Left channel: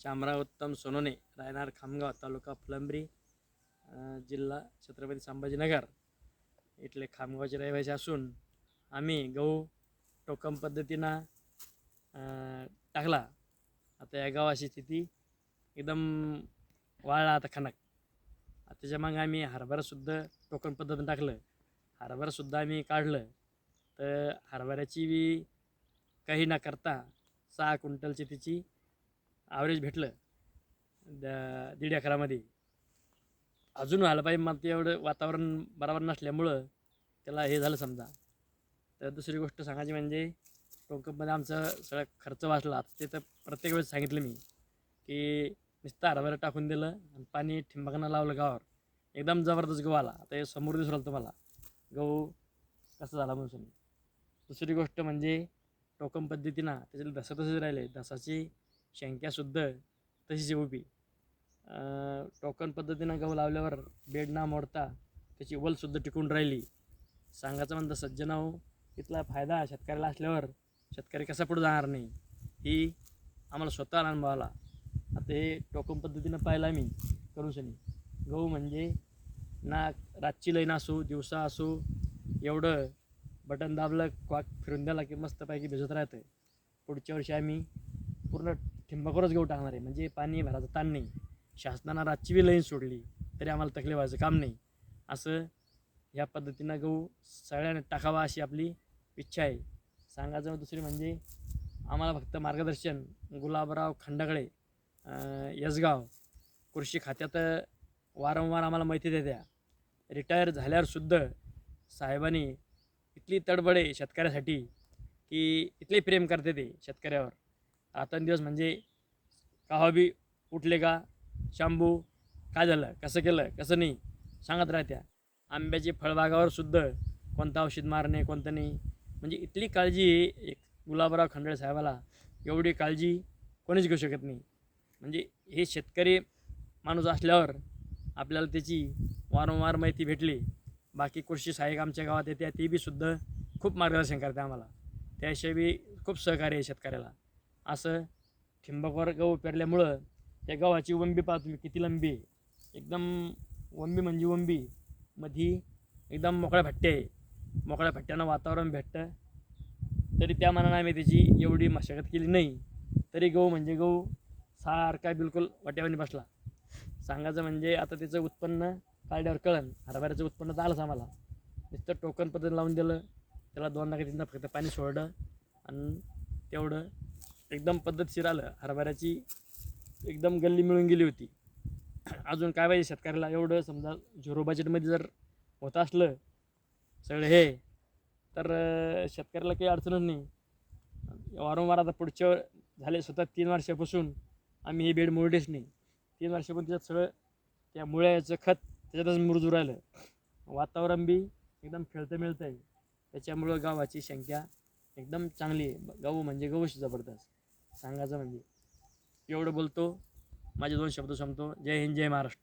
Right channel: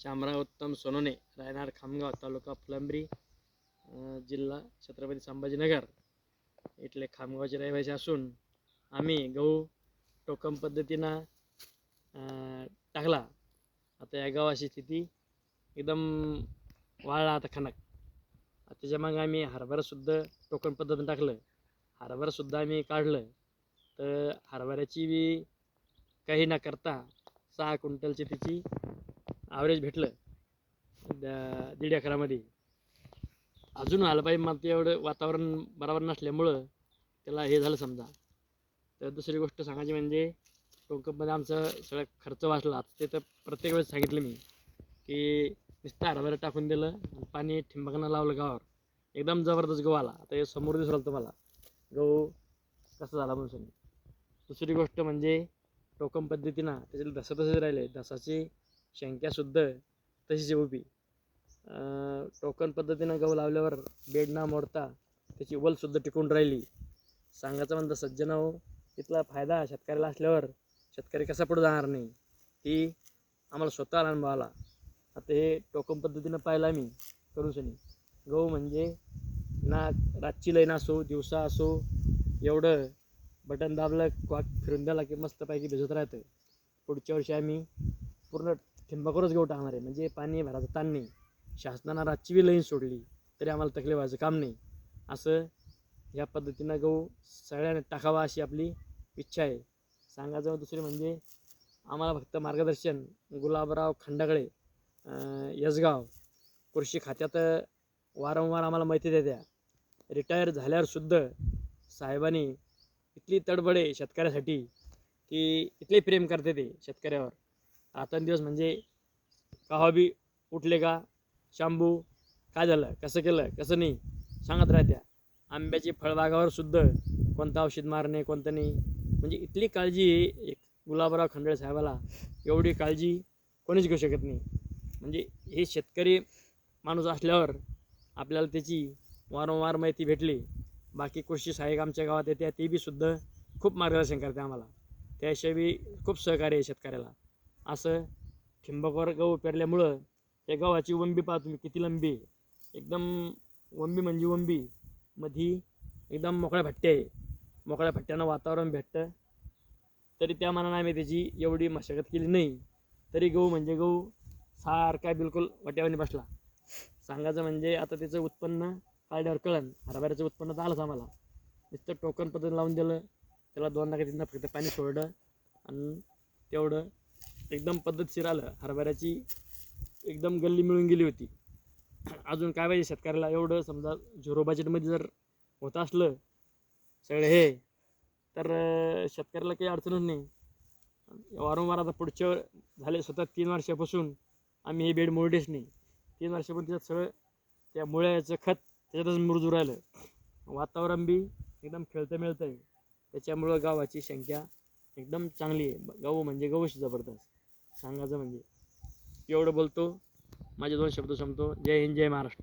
शामराव उत्तम सोनोने, राहणार खामगाव, तालुका फुलंब्री, जिल्हा छत्रपती संभाजीनगर इथले खामगावचे रहिवासी असून आम्ही गहू टोकन पद्धतीनं टाकला. आता या गावाची स्थिती एकदम वाळला आता खणक. त्याच्या मग आम्ही हरभरासुद्धा टोकन पद्धतीनं टाकलं. हरभरासुद्धा आम्ही काढलं. तर हरभऱ्याची बी काही न करता 6 क्विंटलची तिची ॲव्हरेज भेटलं 1.5 एकरामध्ये. अजून आलं पाहिजे, मला ते एवढं वातावरण बरोबर नसल्यामुळं त्याला हे झालं समजा. तर दुसरी गोष्ट सांगायची म्हणजे टोकनमध्ये आमचं सगळं खर्च वाचला. ते तर प्रत्येक वेळेस सांगितलं मी की नुसतं हरभरा टाकून दिलं आणि पाणी ठिंबकनं लावलं गावावर, एकदम जबरदस्त गहू आला. आता हे समोर दिसलं तुम्हाला गहू कसं झाला म्हणून. दुसरी गोष्ट म्हणजे टोकन पद्धतीनं त्याच्याला धसा तसेच राहिले, धसाची संख्यासुद्धा तशीच उभी. टोकन पद्धतीनं गहू लावल्यावर बेड ना मोडता त्याची वलसुद्धा टिकून राहिली. सांगायचं म्हणतं सज्जनाहो, इथला फायदा शेतकऱ्याला असल्यावर शेतकरी कसा पुढे जाणार नाही, ही आम्हाला स्वतःला अनुभव आला. आता हे टोकन पद्धतीनं पाहिलं आम्ही करू शनी. गहू म्हणजे ना रातची लाईन असो दिवसा असो, एवढं बटन दाबलं क्वाक फिरून द्याला की मस्तपैकी भिजत राहतं. पुढच्या वर्षी आम्ही पूर्ण ठिंबाकरच गहू टाकणार आहे, म्हणजे पाणी भरायचं ताण नाही. शासनानं रातची बी लाईन सोडली तरी आम्हाला तकलीफ व्हायचं काम नाही. असं या पद्धतीनं गहू सगळ्यांनी टाकावा अशी आपली इच्छा आहे. सांगायचं दुसरी म्हणजे आम्हाला फक्त मार्गदर्शन गुलाबराव खंडागळे, यसगाव, कृषी खात्यात वारंवार आम्हाला माहिती देत्या. रिटायर झाल्यावरसुद्धा साहेबांनी इथली तडबड आहे शेतकऱ्यासाठी की इथले प्रेम करते ते शेतकऱ्यावर. आता दिवस म्हणजे का बी उठले का शांबू काय झालं, कसं केलं, कसं नाही सांगत राहत्या. आंब्याची फळबागावर सुद्धा कोणतं औषध मारणे कोणतं नाही, म्हणजे इथली काळजी एक गुलाबराव खंडागळे साहेबाला एवढी काळजी कोणीच घेऊ शकत नाही. म्हणजे हे शेतकरी माणूस असल्यावर आपल्याला त्याची वारंवार माहिती भेटली. बाकी कृषी सहाय्यक आमच्या गावात येते, ते बी सुद्धा खूप मार्गदर्शन करते आम्हाला. त्याशिवाय बी खूप सहकार्य आहे शेतकऱ्याला. असं ठिंबकवर गहू पेरल्यामुळं त्या गावाची वंबी पाहा तुम्ही किती लंबी आहे. एकदम वंबी म्हणजे वंबी मधी एकदम मोकळ्या भट्टे आहे. मोकळ्या भट्ट्यानं वातावरण भेटतं. तरी त्या मानानं आम्ही त्याची एवढी मशागत केली नाही, तरी गहू म्हणजे गहू सारखा बिलकुल वाट्यावानी बसला. सांगायचं म्हणजे आता त्याचं उत्पन्न काढल्यावर कळन. हरभऱ्याचं उत्पन्न तर आलंच आम्हाला. नुसतं टोकन पद्धतीनं लावून दिलं, त्याला 2 3 फक्त पाणी सोडलं आणि तेवढं एकदम पद्धतशीर आलं. हरभऱ्याची एकदम गल्ली मिळून गेली होती. अजून काय पाहिजे शेतकऱ्याला, एवढं समजा झिरो बजेटमध्ये जर होत असलं सगळं हे, तर शेतकऱ्याला काही अडचणच नाही. वारंवार आता पुढच्या झाले स्वतः 3 वर्षापासून आम्ही हे बेड मोडलेच नाही. 3 वर्षापासून त्याच्यात सगळं त्या मुळ्याचं खत त्याच्यातच मुरजू राहिलं. वातावरण बी एकदम खेळतं मिळतं आहे. त्याच्यामुळं गावाची संख्या एकदम चांगली आहे. गहू म्हणजे गहूच जबरदस्त. सांगायचं म्हणजे एवढं बोलतो, माझे 2 शब्द संपतो. जय हिंद, जय महाराष्ट्र.